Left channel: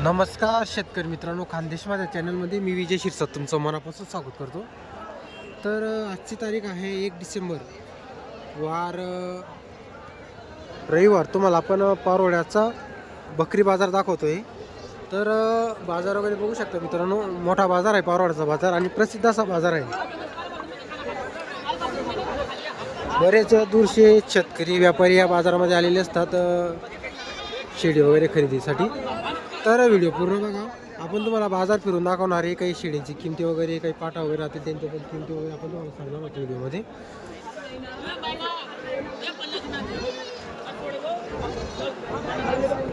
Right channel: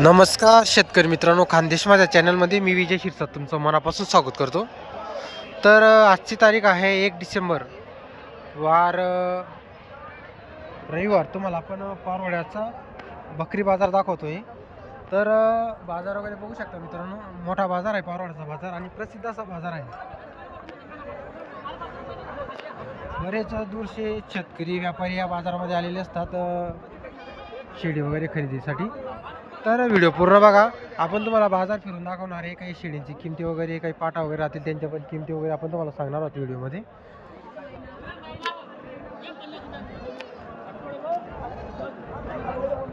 नमस्कार शेतकरी मित्रांनो खानदेश माझ्या चॅनलमध्ये मी विजय शिरसाट तुमचं मनापासून स्वागत करतो. तर आजची तारीख आहे एक डिसेंबर. वार रविवार. तुम्हाला आपण अ, बकरी बाजार दाखवतो आहे तर बाजार वगैरे बघू शकता मित्रांनो मोठा बाजार आहे पारोड्याचा बाजार आणि प्रसिद्ध असा बाजार आहे. बरेच दूरचे शेतकरी व्यापारी या बाजारामध्ये आलेले असतात अ, शेळी वगैरे खरेदीसाठी. तर व्हिडिओ पूर्ण बघा. आपण तुम्हाला बाजार फिरून दाखवणार आहे काही शेळींची किमती वगैरे काही पाटा वगैरे राहतील त्यांच्या पण किमती वगैरे आपण तुम्हाला सांगणार आहोत व्हिडिओमध्ये.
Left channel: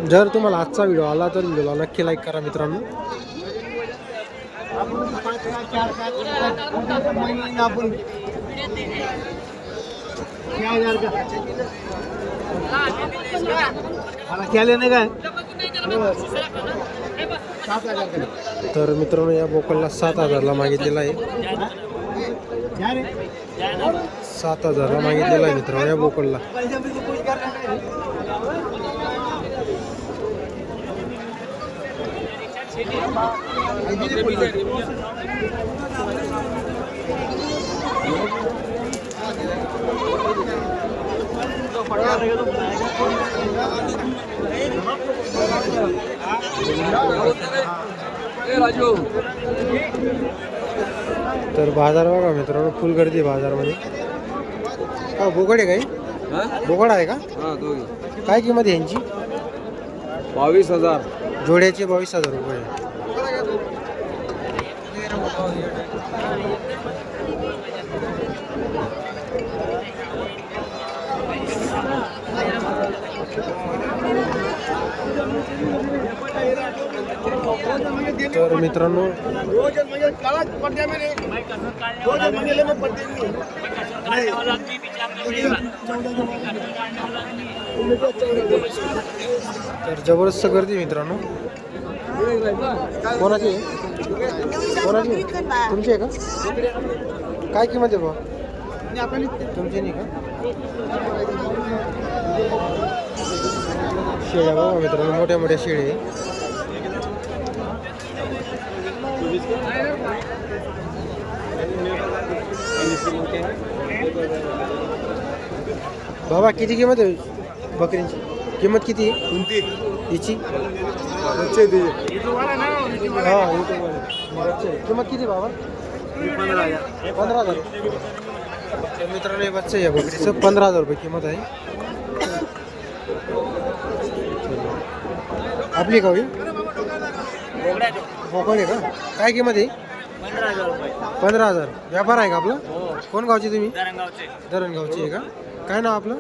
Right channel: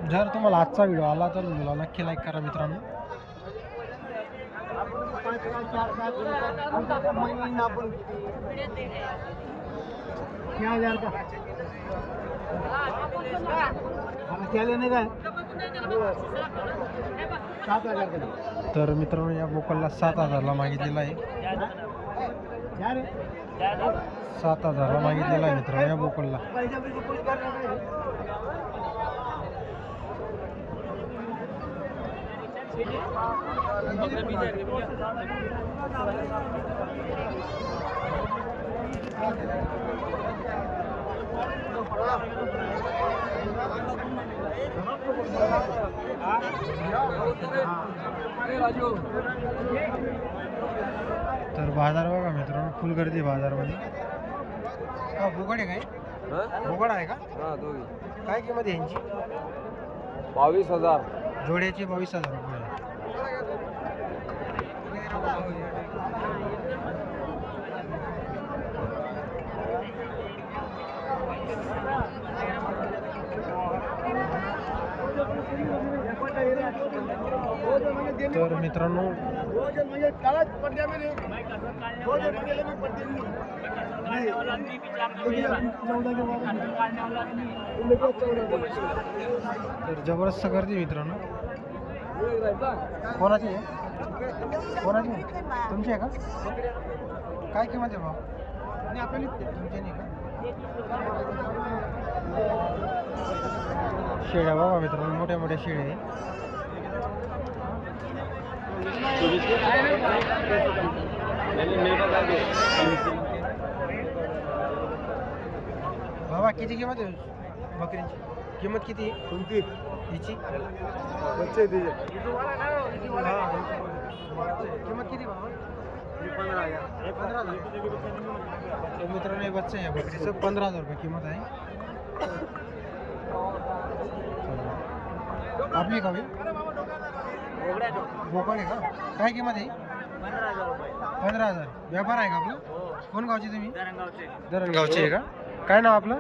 जर तुम्हाला आजचा व्हिडिओ आला तर व्हिडिओला नक्की लाईक करा मित्रांनो. मला केले नाही काय? तर मित्रांनो या बोकलला सात हजारला मागितलेला आहे. सात हजारला मागितलेला आहे मित्रांनो या बोकलला. तर बाजार बघा मित्रांनो फुल गर्दी आहे बाजारमध्ये. हा बोकड आहे काय? बोकड आहे का? काय किंमत यांची? बावीस हजार. जोड्याचे बावीस हजार रुपये. तर मित्रांनो तर जबरदस्त गर्दी आहे मित्रांनो. कोणाची आहे? कोणाची तुमची आहे का? काय किंमत आहे बा तुमची नाही का? शेळ्या बाबा मित्रांनो मोठ्या मोठ्या शेळ्या आहे. बाबा किती किंमत आहे बकरींची? किंमत किती आहे? कोणती? हिची? हा किंमत किती बाबा? पंधरा हज़ार. पंधरा तर मित्रांनो हे बच्चे आहे बकरीचं. पंधरा हज़ार रुपये किंमत आहे. आपली का होई बोकड आहे का? काय किंमत आहे? पंधरा हजार. व्यापार आहे का आपला? कोण गावचे तुम्ही? धरणगावचे आहे का? काय नाव आपलं?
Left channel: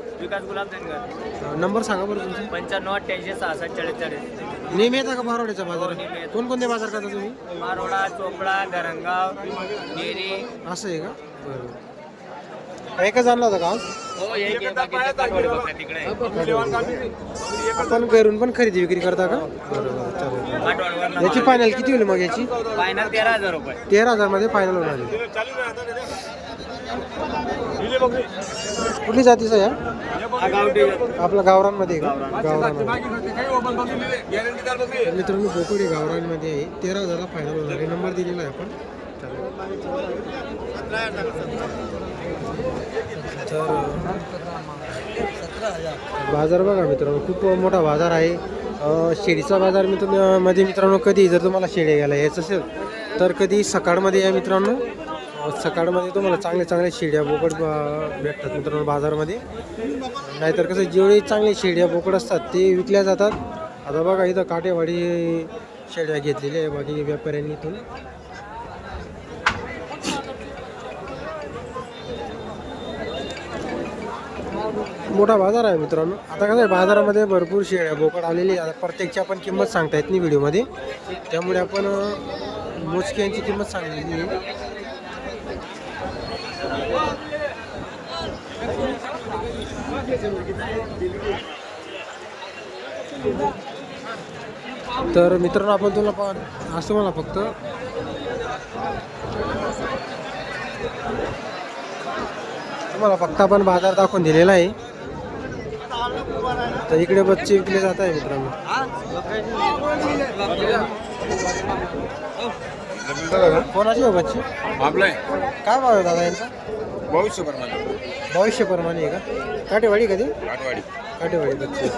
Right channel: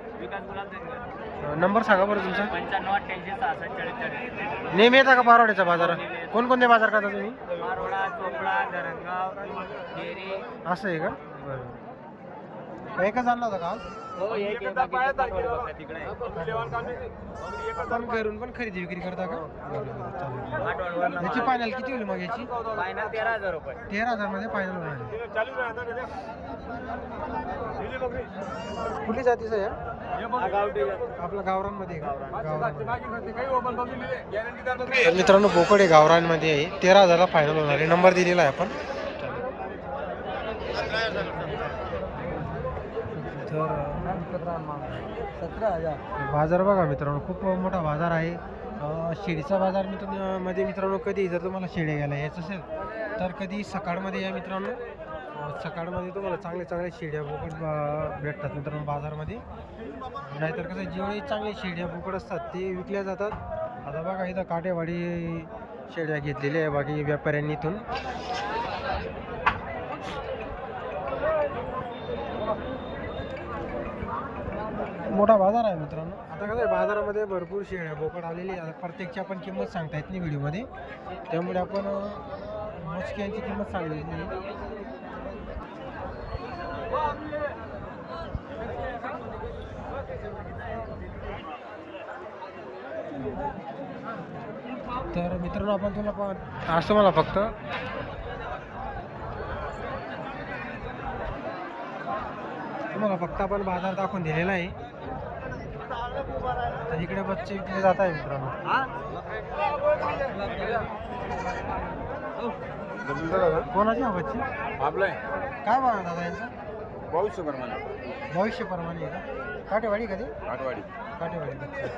नंबर सांगा बरं तुमचा. पंच्याण्णव अठ्ठ्याऐंशी सहासष्ट चाळीस नेहमी येता का पारवड्याचा बाजारात कोणकोणते बाजार करता तुम्ही? चोपडा धरणगाव असं आहे का? बरं. काय का जाणला होता का आज? आपण घरून पण खरेदी विक्री करता का? बरं बरं चालेल. याची फायनल किती होईल मग याची? फायनल तेरा हजार रुपये. तेरा हजारमध्ये फायनल होणार आहे. कुठली जातीचं आहे हा? हा गावठी आपला गावरांमध्ये का? गावरांमध्ये तर मित्रांनो बोकड आहे गावरांमध्ये आहे. तेरा हजारला फायनल होणार आहे. नंबर दिलेला आहे आपण. तर बाजार बघा मित्रांनो खूप मोठा बाजार आहे. अं, शेळीचा बाजार मित्रमध्ये मित्रांनो कधी जर तुम्हाला शेळ्या घ्यायला यायचं असेल तर कधी सकाळमध्ये या मित्रांनो सकाळमध्ये तुम्हाला चांगले चांगले शेड्या बोकड भेटतात मित्रांनो बाजारमध्ये. नाहीतर कसं जेवढे चांगले शेड्या बोकड असतात ते विकल्या जातात. आता बघा इथं काटेवाडी शेड्या घेतलेल्या आहे बाकी व्यापाऱ्यांनी इथून. मोठा बाजार आहे मित्रांनो. आता कसं आहे बाजारामध्ये भरपूर शेळ्या बोकड आलेली आता प्रत्येकची आपण किंमत सांगता येत नाही व्हिडिओमध्ये. त्यामुळे आपण मोजक्यांची किंमत सांगलेली तर मित्रांनो आपण तुला पा असं मला फक्त. तुम्हाला फक्त आपण बाजार दाखवून दिलेला आहे. तर इकडे बच्चे विकले जात आहे मित्रांनो. कोणाची हो बच्ची? काय भाव आहे दादा यांचा? भविष्य प्रमाणे आहे का? काटेवाडी कधी काटेवाडी. बच्ची.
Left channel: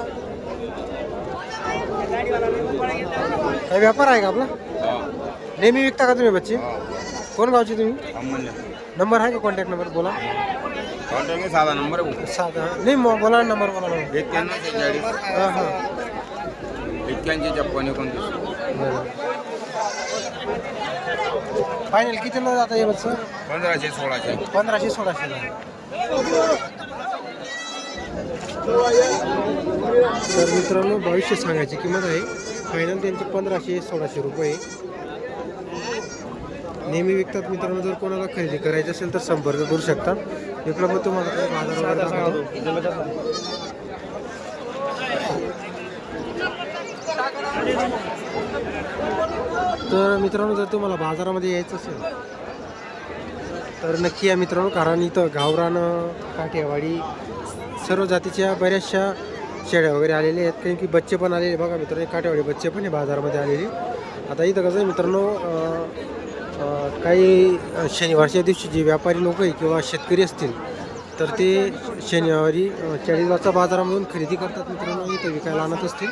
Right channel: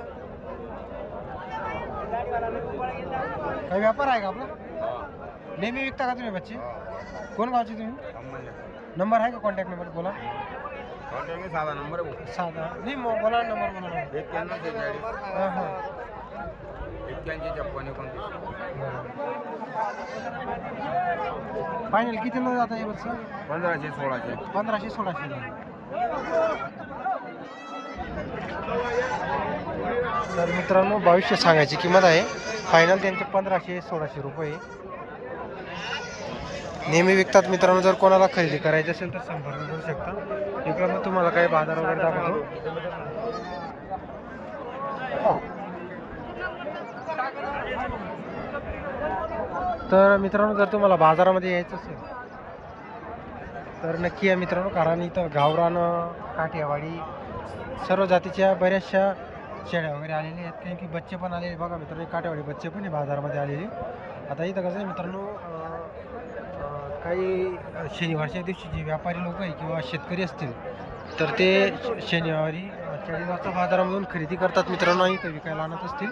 काय व्यापार आहे का आपला? नेहमी विकता का तुम्ही बच्ची? कोण गावची तुम्ही? नंबर आहे का कॉन्टॅक्ट नंबर? बोला. साधा नंबर साधा. नाही मग बोला नंबर बोला ना. एक्क्याण्णव शेहेचाळीस. हां हां. एक्क्याऐंशी छप्पन एकोणतीस. बरं. फायनल किती न जाता येईल सर पंधराशे सोळाशे. पंधराशे सोळाशेला तर मित्रांनो बावीसशे सांगायची किंमत आहे. फायनल त्यांचे पंधराशे सोळाशे रुपये. नेहमी विकतात मित्रांनो जर कोणाला खरेदी करायची असेल तर संपर्क करू शकता. इकडं मग तुम्हाला काही बाजार वगैरे दाखवतो. तर मित्रांनो जर तुम्हाला बाजारामध्ये यायचं असेल तर नक्की या मित्रांनो कारण इथं गावरान काठियावाडी सर्व जातीच्या बऱ्याचशा शेळ्या वगैरे आलेल्या आहेत. कारण की बच्चे पण आलेले बघा मित्रांनो हे काठेवाडी बच्चे पण आहे बाजारामध्ये आलेले. आता इथं कसं आहे मित्रांनो काही शनिवारच्या दिवशी जे व्यापारी लोक आहे किंवा शेतकरी असतील तर ते शनिवारी चाळीसगावचा बाजारामधून खरेदी करतात मित्रांनो आणि ते विकायला आणत असतील.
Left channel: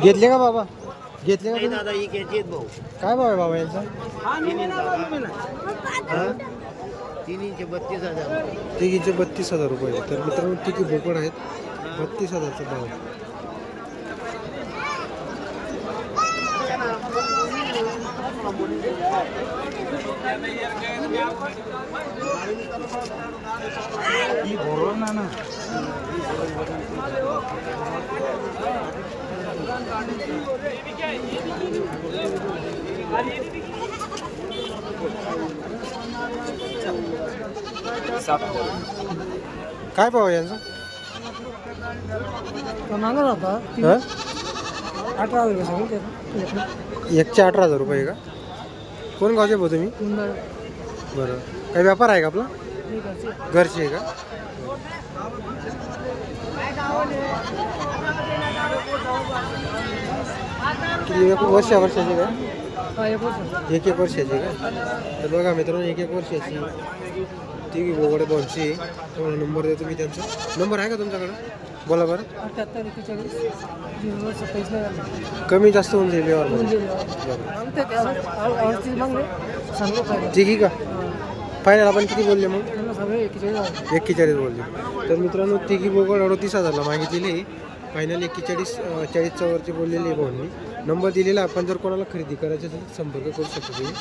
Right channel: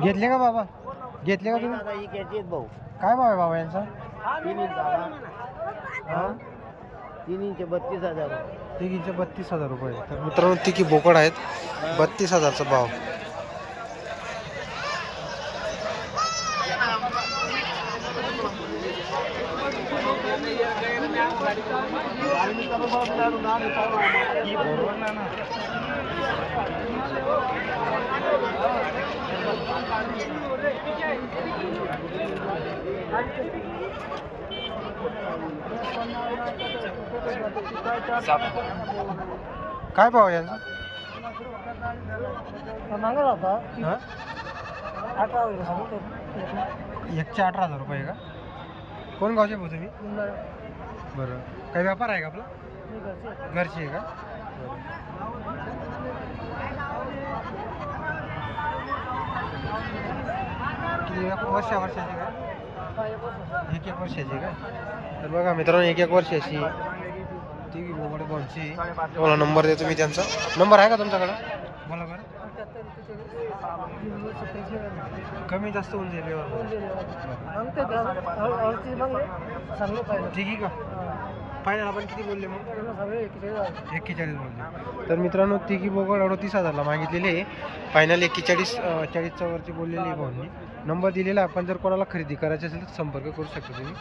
घेतले का बाबा? घेतले का तुम्ही? दादा ही घ्यायची भाऊ काय भाव आहे बाबा यांचा तीन इंच तीन इंच बत्तीस हजार तिघींचे बत्तीस हजार रुपये. तर मित्रांनो तिघी बोकड आहेत. बत्तीस हजारचा भाव. काय भाव यांचा? एकशे अठरा हजार रुपये का? कोण गावचे भाऊ तुम्ही? बरं. काही व्यापार आहे का आपला? घरचे आहे का? किती वर्षा वर्षाची का? एक एक वर्षाची का? तर बघा मित्रांनो एक एक वर्षाची ती बोगडे बॉलची तुम्हाला नंबर देतो मी त्यांचा. नंबर आहे का तुमच्याकडं? बोला बरं. कमी जास्त होऊन जाईल व्यवहार बरं. ठीक आहे का? फायनल आपण किती बोलले मग? एक्केचाळीस बोलले. तर मित्रांनो तिघी बोगड अडतीस हजारला मागितलेली फायनल एक्केचाळीस चाळीसच्यावरती बोललेली आहे भाऊंनी. नंबर दिलेला आपण जर कोणाला खरेदी करायची असेल तर संपर्क करू शकता तुम्ही.